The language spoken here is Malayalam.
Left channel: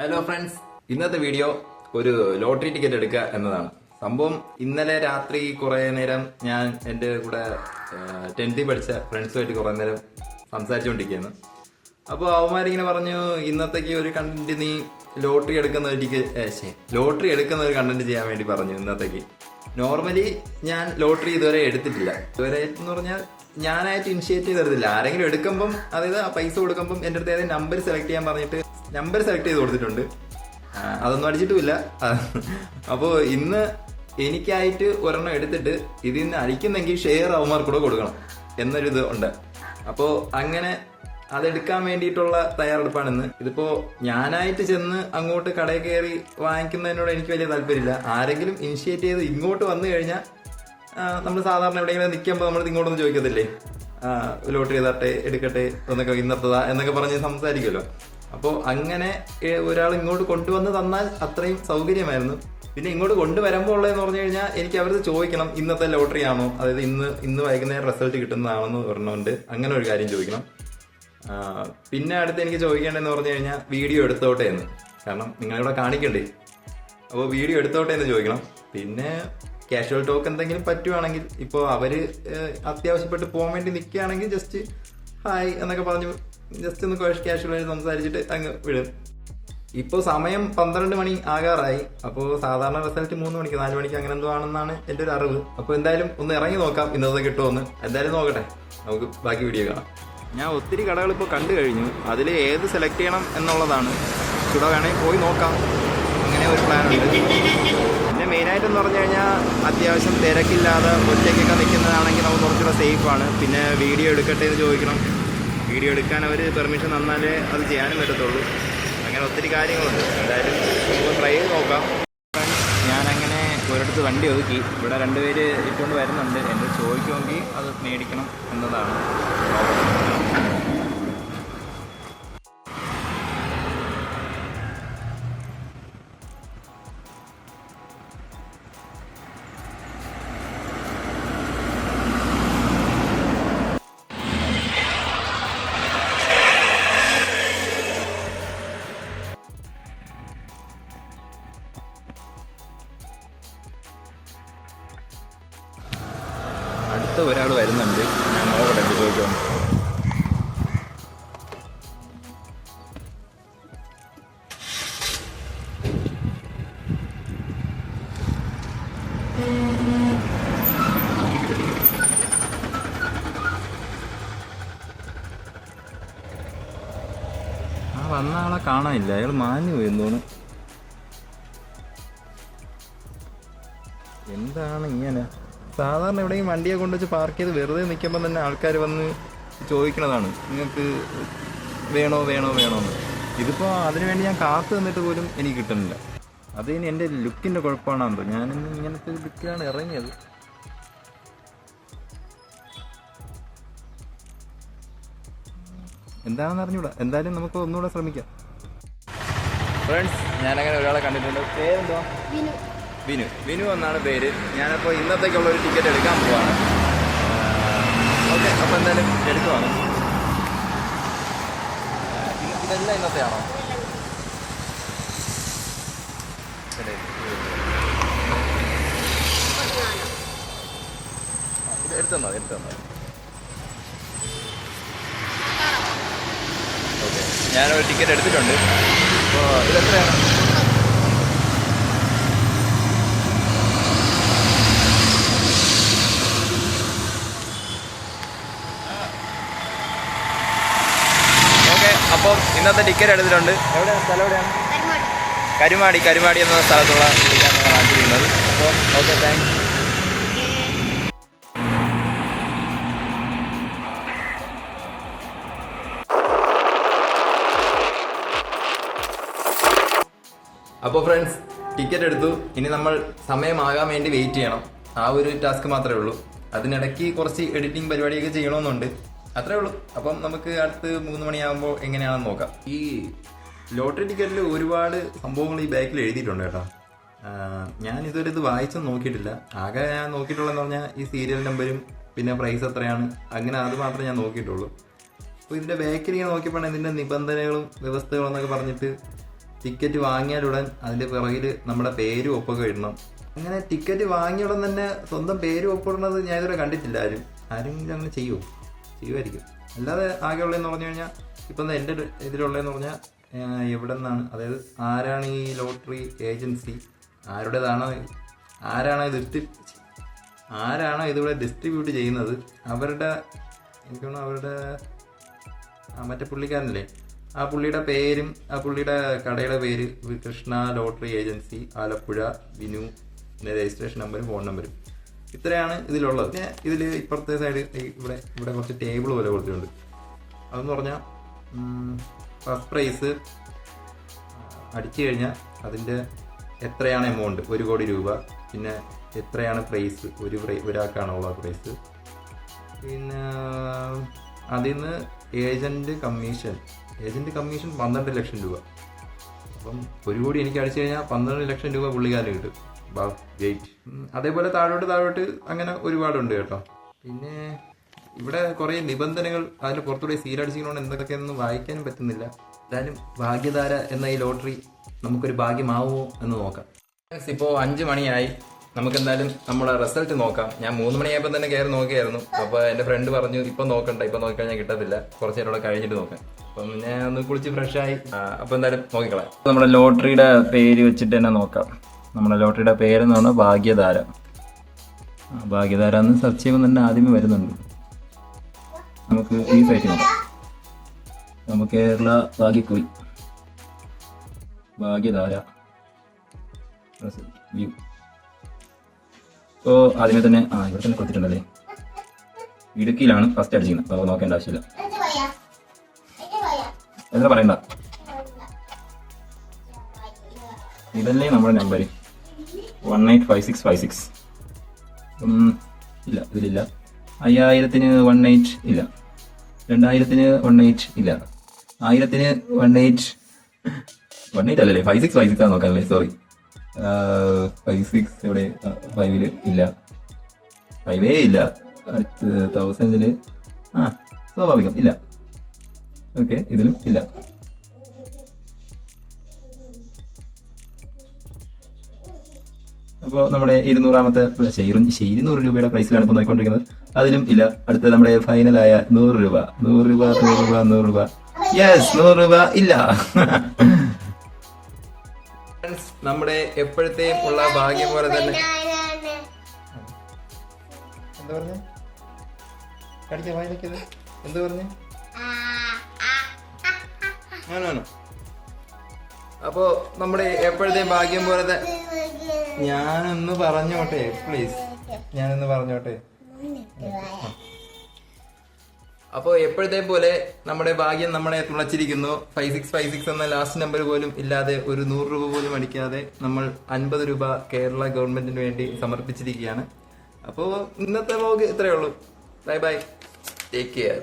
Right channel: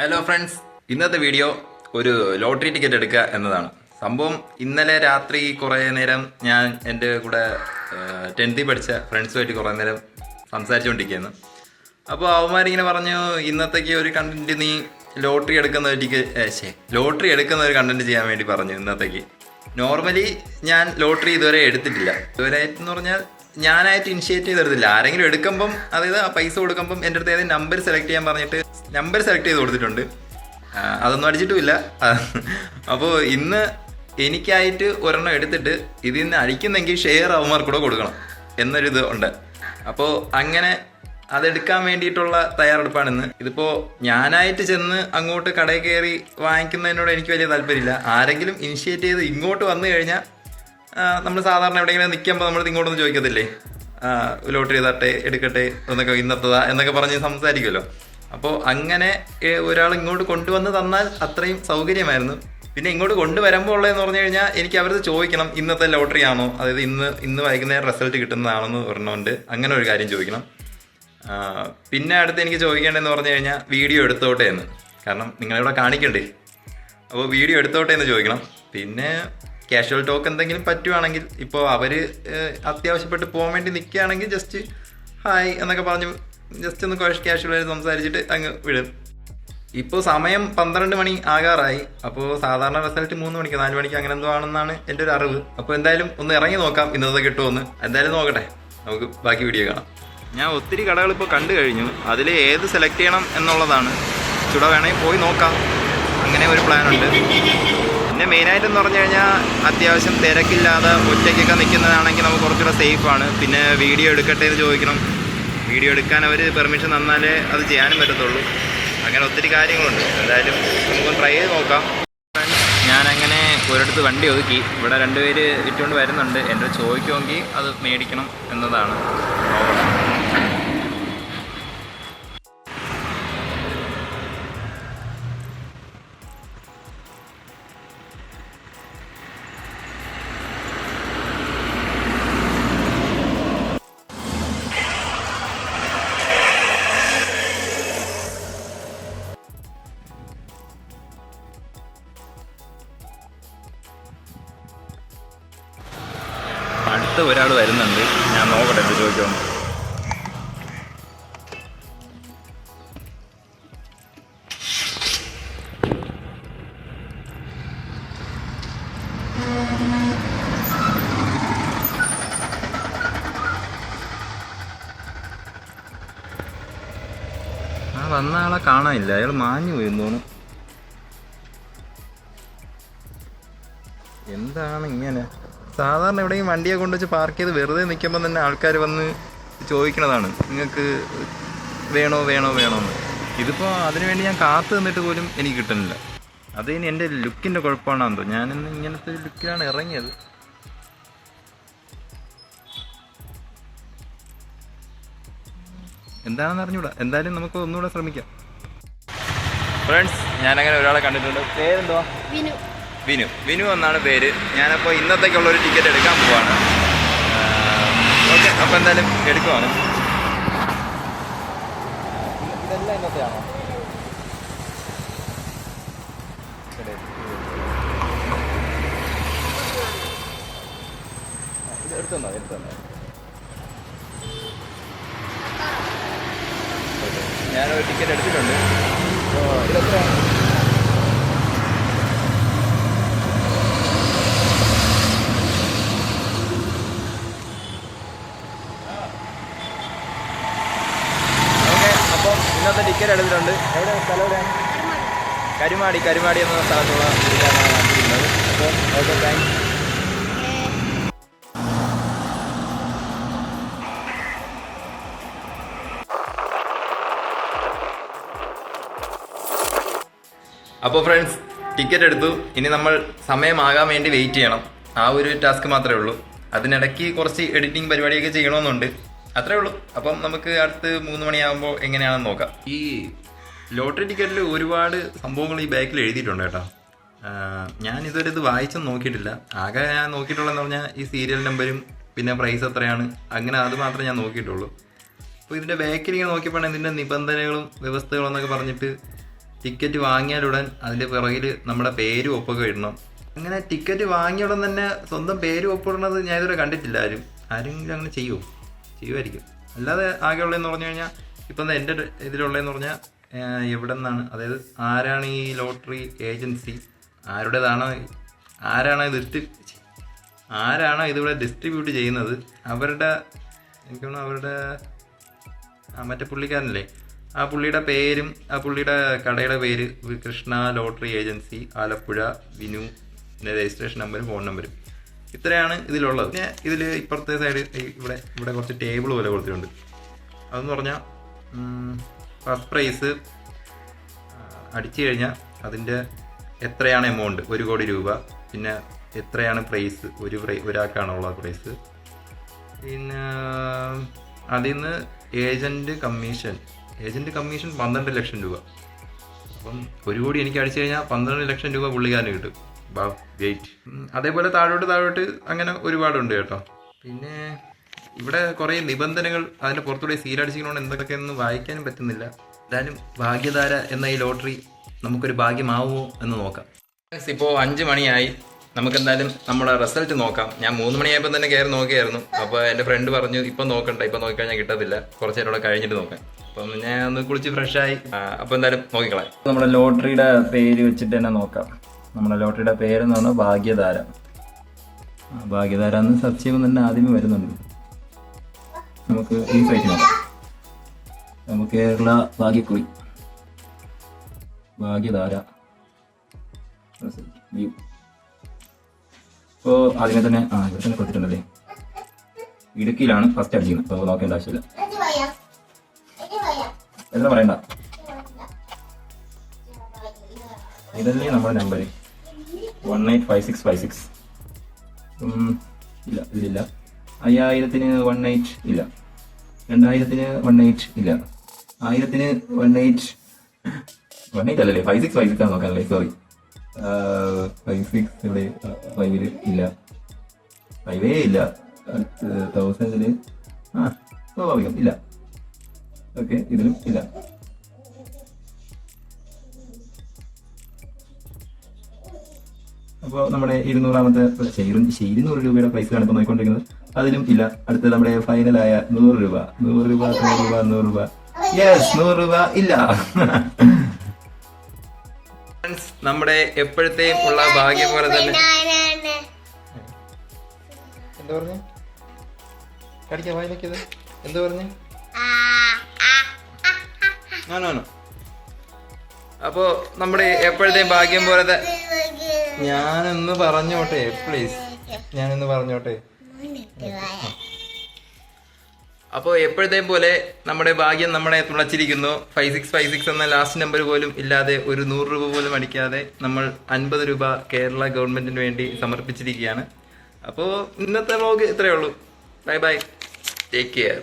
ഹലോ ഫ്രണ്ട്സ്, ഇന്നത്തെ വീഡിയോ ഒരു ലോട്ടറി ടിക്കറ്റ് എടുക്കുക എന്നതാണ്. സംഭവം ഇന്നലെ രാത്രി കുറേ നേരം ഞാൻ എൻ്റെ കൂടെ 10th പഠിച്ച ഫ്രണ്ട്സുമായിട്ട് കുറേ നേരം സംസാരിച്ചുകൊണ്ടിരിക്കുകയാണ്. അപ്പോൾ അവന്മാരിങ്ങനെ പറഞ്ഞു, ഇന്നത്തേക്ക് ഒരു കണ്ടന്റ് നീ ലോട്ടറി എടുക്കുന്ന ഒരു കണ്ടന്റ് ചെയ്യാൻ വേണ്ടി പറഞ്ഞു. ഇന്നത്തേക്ക് നോർമലി ഞാൻ ലോട്ടറി ഇതുവരെ എടുത്തിട്ടില്ല. ഇതുവരെ എന്ന് പറഞ്ഞാൽ ഞാനായിട്ട് ഇനിഷ്യേറ്റ് ചെയ്തെടുത്തില്ല. ആരെങ്കിലും എടുക്കുമ്പം, അതായത് ആ പൈസ കൊടുക്കുമ്പം എൻ്റെ അടുത്ത് ഏതെങ്കിലും നമ്പർ സെലക്ട് ചെയ്യാൻ പറഞ്ഞിട്ട് നമ്പർ സെലക്ട് ചെയ്ത് കൊടുത്തിട്ടുണ്ട്. അതൊന്നും അടിച്ചിട്ടുമില്ല. അപ്പോൾ ഇന്ന് എനിക്കായിട്ട് ഒരെണ്ണം എടുത്തിട്ട് ഇതിൽ നിന്ന് അടിക്കുന്നെങ്കിൽ ഷെയർ അവന്മാർക്ക് കൂടെ കൊടുക്കണം എന്നൊരിത് ഉണ്ട്. അപ്പോൾ അങ്ങനെ അതെടുക്കാൻ വേണ്ടിയിട്ടുള്ള തയ്യാറെടുപ്പാണ് ഇന്ന്. ഇതിപ്പോൾ ഞാനായിട്ട് ചെന്ന് അങ്ങോട്ട് കടയിൽ കയറി വാങ്ങിക്കുന്നതിനോട് എനിക്ക് വലിയ താല്പര്യമില്ല. ആരെങ്കിലും ഇനിഷ്യേറ്റ് ചെയ്ത് ഇങ്ങോട്ട് വന്നു കഴിഞ്ഞാൽ നമ്മൾ സാധാരണ എവിടെയെങ്കിലും നിൽക്കുമ്പോൾ നമ്മൾ ഇങ്ങോട്ടൊന്നും ചോദിക്കത്തില്ലേ, ലോട്ടറി തട്ടെ എടുക്കട്ടെ എന്നൊക്കെ, ഇന്നത്തതാ എന്നൊക്കെ പറഞ്ഞ് സംസാരിക്കുമല്ലോ. അപ്പോൾ അങ്ങനെ ഒരാൾ ഇങ്ങോട്ട് കൊണ്ടുവന്ന് തന്നാൽ അത്രയും സൗകര്യമായിരുന്നു. പിന്നെ ഇങ്ങോട്ട് കൊണ്ടുവരുമ്പോൾ ഉള്ളതെന്ന് പറഞ്ഞു കഴിഞ്ഞാൽ എനിക്ക് അവരത് ചോദിക്കണം, ഇന്നത്തെ ലോട്ടറി ആണോ, അതായത് ഇന്ന് വൈകുന്നേരം റിസൾട്ട് കിട്ടുന്നതാണെന്ന് പറഞ്ഞുകൊണ്ട് അങ്ങനെ ഒരു കാര്യം ചോദിക്കണം. പിന്നെ അടുത്ത് എനിക്ക് ചോദിക്കേണ്ടതെന്ന് പറഞ്ഞു കഴിഞ്ഞാൽ വീഡിയോ എടുത്തോട്ടെ എന്ന്, കാരണം നിങ്ങളിവിടെ കാണിക്കണ്ടേ, അപ്പോൾ വീഡിയോ എടുത്തോട്ടെ എന്ന് ചോദിക്കണം. പിന്നെ കാഷ്വൽ ടോക്ക് എന്തെങ്കിലും പറ്റുവാണെങ്കിൽ, ഇപ്പോൾ അവർ അത്യാവശ്യപ്പെട്ട് പോകാൻ വേണ്ടി നിൽക്കുകയാണെങ്കിൽ ജസ്റ്റ് ഹായ് എന്നൊക്കെ പറഞ്ഞു ജസ്റ്റ് ഒന്ന് കാഷ്വലായിട്ട് സംസാരിച്ചിട്ട് അങ്ങ് വിടും. ഇപ്പോൾ സമയം 12 മണി ആകാറായി. അപ്പോൾ സാധാരണ റിസൾട്ട് 3 മണിക്ക് 4 മണിക്ക് അങ്ങനെ എന്തോ ആണെന്നാണ് എൻ്റെ ഒരു അറിവ്. അപ്പോൾ എന്തായാലും ഒന്ന് ഇറങ്ങി നോക്കാം ഇന്നത്തെ കിട്ടുമെന്ന്. എന്തായാലും നോക്കട്ടെ, നമുക്ക് ബാക്കി വീഡിയോ കാണാം. ഞാൻ ഒത്തിരി കടകൾ ഇപ്പോൾ കണ്ടു കഴിഞ്ഞു. അതിൽ ഏത് സെലക്ട് ചെയ്യണം എന്നുള്ളതാണ്. ചുട വേണമെങ്കിൽ പോയി നോക്കാം, അങ്ങനെ ഒരു പ്ലാനുണ്ട്. പിന്നെ മെയിനായിട്ടെന്ന് പറഞ്ഞു കഴിഞ്ഞാൽ അത്യാവശ്യം തിരക്കില്ലാതെ ഒറ്റയ്ക്കൊക്കെ നിൽക്കുന്നതാണെങ്കിൽ നമുക്ക് കുറച്ചുകൂടെ സേഫാണ്. പിന്നെ വീഡിയോ എടുക്കട്ടെ എന്ന് ചോദിക്കണം, വീഡിയോ എടുക്കാൻ അവർ പെർമിഷൻ തന്നാലേ അത് ചെയ്യാനും പറ്റത്തുള്ളൂ. അങ്ങനെ ഒത്തിരി കാര്യങ്ങളുണ്ട്. എന്തായാലും നമുക്ക് ട്രൈ ചെയ്ത് നോക്കാം. ഫ്രണ്ട്സ്, ഞാനങ്ങനെ ഒരിടത്ത് വണ്ടി ഒതുക്കി. ഇവിടെ 2 പേര് ഇട്ടുകൊണ്ട് വരുന്നുണ്ട്. എൻ്റെ ചോദിക്കുമെങ്കിൽ അത് മേടിക്കണം എന്നതാണ്. നോക്കട്ടെ. അടുത്ത ഒരാൾ വരുന്നുണ്ട്, ഞാൻ നോക്കട്ടെ എന്ത് ചോദിക്കുമെന്ന്. വന്ന ആളെ കാണാനില്ല, അയാൾ മാഞ്ഞു പോയി തോന്നുന്നു. എന്താണ് ഇങ്ങനെ? സാധാരണ എവിടെയും വണ്ടിയെ കൊണ്ടുവച്ച് പാർക്ക് ചെയ്ത് വെറുതെ നിൽക്കുമ്പോൾ തന്നെ ആൾക്കാർ വന്ന് ചോദിക്കണതാണ്, നിങ്ങൾക്ക് വേണോന്ന്. ഇതിപ്പോൾ അതിനുവേണ്ടി ഞാൻ കാത്തു നിന്നിട്ട് പോലും എനിക്ക് കിട്ടുന്നില്ല. അത് ഇനി എൻ്റെ ലുക്കിൻ്റെ കുഴപ്പമാണെന്തോ. ഞാനിന്ന് ഇങ്ങനത്തെ ഒരു ലുക്കിലാണ് ഇറങ്ങിയത്. എന്താണെന്ന് അറിഞ്ഞൂടാ. എന്തായാലും നമുക്ക് ഒന്നുകൂടെ ശ്രമിക്കാം. ഫ്രണ്ട്സ്, ഞാനങ്ങനെ ഒരാളെ കണ്ടിട്ടുണ്ട്. പേരെന്തുവാ? വിനു എന്നാണ് പേര്. ഞാനപ്പോൾ ഇന്നത്തേക്കുള്ള ഒരു ടിക്കറ്റ് എടുക്കാൻ പോവാണ്. ഓക്കെ, അപ്പോൾ എന്തായാലും എടുക്കുവാണ്. ഇതെല്ലാം ഇന്നത്തെയാണോ? ഇത് എടുത്തോ. ഓക്കെ, ഞാനൊരു ടിക്കറ്റ് എടുത്തിട്ടുണ്ട്. അപ്പോൾ ഇതെത്രയാണ്? അപ്പം ഇന്നത്തെ ടിക്കറ്റ് എടുത്തിട്ടുണ്ട്. എവിടെയാണ് സ്ഥലം? എവിടെയാണ്? കരുമാടി എന്ന സ്ഥലത്തുള്ള ടിക്കറ്റാണ് വാങ്ങിച്ചിരിക്കുന്നത്. അപ്പോൾ ഓക്കെ, താങ്ക്സ്. അപ്പോൾ ഫ്രണ്ട്സ്, ടിക്കറ്റ് എടുത്തു. ഇനി നമ്മൾ സമയമാകാൻ വേണ്ടി വെയിറ്റ് ചെയ്യണം. ആ ഒരു ടാസ്ക് മാത്രമേ ഉള്ളൂ. അതിനിടയ്ക്ക് കുറച്ച് എഡിറ്റിംഗ് പരിപാടിയൊക്കെ ചെയ്യണമെന്നുണ്ട്. അത്രേ ഉള്ളൂ. അപ്പം നമുക്ക് അടുത്ത് 3 മണിയാകുമ്പോൾ എങ്ങനെയാണെന്ന് നോക്കാം. ഈ ലോട്ടറി ടിക്കറ്റിൽ ഒരുപാട് സംഭവങ്ങൾ ഈ ബാക്കിൽ എഴുതിയിട്ടുണ്ട് കേട്ടോ. ഞാൻ ഇതുവരെ ഇത് വായിച്ചൊന്നും നോക്കിയിട്ടില്ല. ആകെ ഞാൻ നോക്കിയിട്ടുള്ളതെന്ന് പറഞ്ഞാൽ ഈ സീരിയൽ നമ്പരും പിന്നെ പ്രൈസ് എത്രയാണ്, അങ്ങനെ അത് മാത്രമേ ഞാൻ നോക്കിയിട്ടുള്ളൂ. അപ്പോൾ ഇതിൻ്റെ ബാക്കിൽ ഇങ്ങനെ നോക്കിയപ്പോൾ ഇതിൻ്റെ നിബന്ധനകളും വ്യവസ്ഥകളും എന്നൊക്കെ പറഞ്ഞിട്ട് ടിക്കറ്റ് വാങ്ങിയാലുടൻ അതിൻ്റെ പിറകിൽ നമ്മുടെ പേരും ഒപ്പൊക്കെ ഇടണം. അങ്ങനെ ടിക്കറ്റ് വാങ്ങിയുടൻ തന്നെ സ്വന്തം പേരും ഒപ്പിടുന്നത് ഞാൻ ഇതുവരെ കണ്ടിട്ടില്ല. ആരെങ്കിലും അങ്ങനെ ചെയ്യുമായിരിക്കും. അല്ലാതെ ആകെയുള്ളതെന്ന് പറഞ്ഞു കഴിഞ്ഞാൽ ഇപ്പം എൻ്റെ ഇതിലുള്ളതെന്ന് പറഞ്ഞാൽ എവിടെ നിന്നാണ്, അതായത് ആരാണ് ഈ ലോട്ടറി ഏജൻസി, ആരാണോ ഇതിവിടെ ഡിസ്ട്രിബ്യൂട്ട് ചെയ്യുന്നത്, അവരുടെ എനിക്ക് തോന്നുന്നു അവരുടെ മറ്റേ പുള്ളിക്കാരനല്ലേ, ആ പുള്ളിയുടെ പേരും ആ പുള്ളിയുടെ കടയുടെ പേര് കൃഷ്ണ ലോട്ടറി ഏജൻസി ആലപ്പുഴ വിനു, പിന്നെ രജിസ്ട്രേഷൻ നമ്പരും ഫോൺ നമ്പരും, ഇത്രയാണ് ഇതിലുള്ളത്. പിന്നെ ഇതിൽ ഇപ്പുറത്തെ സൈഡ് ഇവിടെ കുറച്ച് ടേബിൾ പോലെ കൊടുത്തിട്ടുണ്ട്. അതെന്ന് പറഞ്ഞാൽ ഫസ്റ്റ് പ്രൈസ് അടിച്ചു കഴിഞ്ഞാൽ അതിൻ്റെ എത്രയാണ് എമൗണ്ട്, 1 കോടി രൂപ. പിന്നെ എത്രയാണ് പ്രൈസ്, ഒരാൾക്കാണുള്ള പ്രൈസ്. പിന്നെ അതിൽ നിന്ന് ഏജൻറ്റ് കമ്മീഷൻ 12 ലക്ഷം രൂപ. അപ്പം 1 കോടി എനിക്ക് അടിച്ചു കഴിഞ്ഞാൽ 12 ലക്ഷം രൂപ പുള്ളിക്കാരന് കിട്ടും. വെയിറ്റ്. അതേപോലെ താഴോട്ട് അങ്ങനെ ഒരുപാടുണ്ട് കേട്ടോ. പിന്നെ ഇവിടെ കുറേ നിബന്ധനകൾ, അതിൻ്റെ പുറത്തൂടെ സീലടിച്ചിരിക്കുന്നതുകൊണ്ട് എന്തൊക്കെയൊന്നും വായിക്കാനും പറ്റുന്നില്ല. എന്തായാലും ഭാഗ്യധാര എന്ന ഈ ലോട്ടറി നമുക്കൊരു ഭാഗ്യമാവുമോ എന്ന് നോക്കാം. ഇപ്പോൾ 5 മണിയായി. നമുക്കെന്തായാലും നമ്മുടെ റിസൾട്ട് നോക്കാം. ഞാൻ 3 മണിയായപ്പോൾ തന്നെ കയറി നോക്കിയായിരുന്നു. അപ്പോൾ എൻ്റെ ഫ്രണ്ട് പറഞ്ഞു ഇപ്പം നോക്കണ്ട, ഇപ്പം നോക്കിക്കഴിഞ്ഞാൽ കിട്ടത്തില്ല, കുറച്ച് നേരം കൂടെ കഴിഞ്ഞിട്ട് നോക്കാം. അപ്പം ഞാൻ ഒന്ന് കുളിച്ച് ഫ്രഷായി. അപ്പോൾ എന്തായാലും നോക്കിക്കളയാം. നമ്മുടെ ലോട്ടറിയുടെ പേര് വെച്ചിട്ട് തന്നെ നോക്കാം. നമ്മുടെ ലോട്ടറിയുടെ പേരെന്ന് പറഞ്ഞാൽ ഭാഗ്യധാര. ഭാഗ്യധാര എന്ന് സെർച്ച് ചെയ്യുമ്പോൾ തന്നെ ആദ്യമേ വരുന്നുണ്ട്. നമുക്ക് ഈ സൈറ്റ് നോക്കാം. നമുക്ക് കേരള ഭാഗ്യക്കുറി ഭാഗ്യധാര വ്യൂ. ഇപ്പോൾ ആദ്യമേ തന്നെ ഇവിടെ തന്നെ കൊടുത്തിട്ടുണ്ടല്ലേ. ഇടുക്കിയിലാണ് ഫസ്റ്റ് അടിച്ചിരുന്നത്. അപ്പോൾ നോക്കേണ്ട ആവശ്യമില്ല. എന്താ പറയണ്ട, ഇതല്ലേ നമ്മുടെ നമ്പർ 185656. ഇല്ല, ഇതിലില്ല. 5000-ന് 18 ഇല്ല. 2000-ന് 18 ഇല്ല. 1000-ന് 18 അല്ലല്ലേ, 5656 ആണ് നോക്കാനല്ലേ. സോറി, 56 എവിടെ? 5-ല് ഇല്ല, 5 ഇല്ല. 1000-ന് സ്വാഭാവികം ഇല്ല. ഓക്കെ, ഇതിലും ഇല്ല. അപ്പോൾ നമ്മുടെ 200-ാമത്തെ 200 രൂപയുടെ പ്രൈസിലാണ് ഇപ്പോൾ നോക്കിക്കൊണ്ടിരിക്കുന്നത്. അതിലും ഇല്ല. അടുത്ത നമ്മുടെ ഫൈനലായ 100 രൂപ. യെസ്, 100 രൂപ ഇല്ല. നമ്മുടെ എപ്പോഴത്തെയും ഉള്ള ഭാഗ്യം പോലെ തന്നെ. എന്താ പറഞ്ഞു? കടിക്കാൻ വായിക്കുന്നത് എന്താ പറഞ്ഞു? അപ്പോ നമ്മുടെ എപ്പോഴത്തെയും ഭാഗ്യം പോലെ ഞാനൊന്ന് പറഞ്ഞോട്ടെ പ്ലീസ്, അപ്പോൾ എപ്പോഴത്തെയും പോലെ നമ്മുടെ ഭാഗ്യം നമ്മളെ തുളച്ചിരിക്കുന്നു. 5656 എന്ന ലാസ്റ്റ് നമ്പർ പോലും ഇല്ലാതെ, ഒരു 100 രൂപ പോലും അടിക്കാതെ നമ്മൾ 50 രൂപ കേരള ഗവൺമെന്റിന് വേണ്ടി സമർപ്പിച്ചിരിക്കുകയാണ്. അപ്പോൾ ഇന്നത്തെ വ്ലോഗ് ഇത്രയേ ഉള്ളൂ. Bye bye, take care.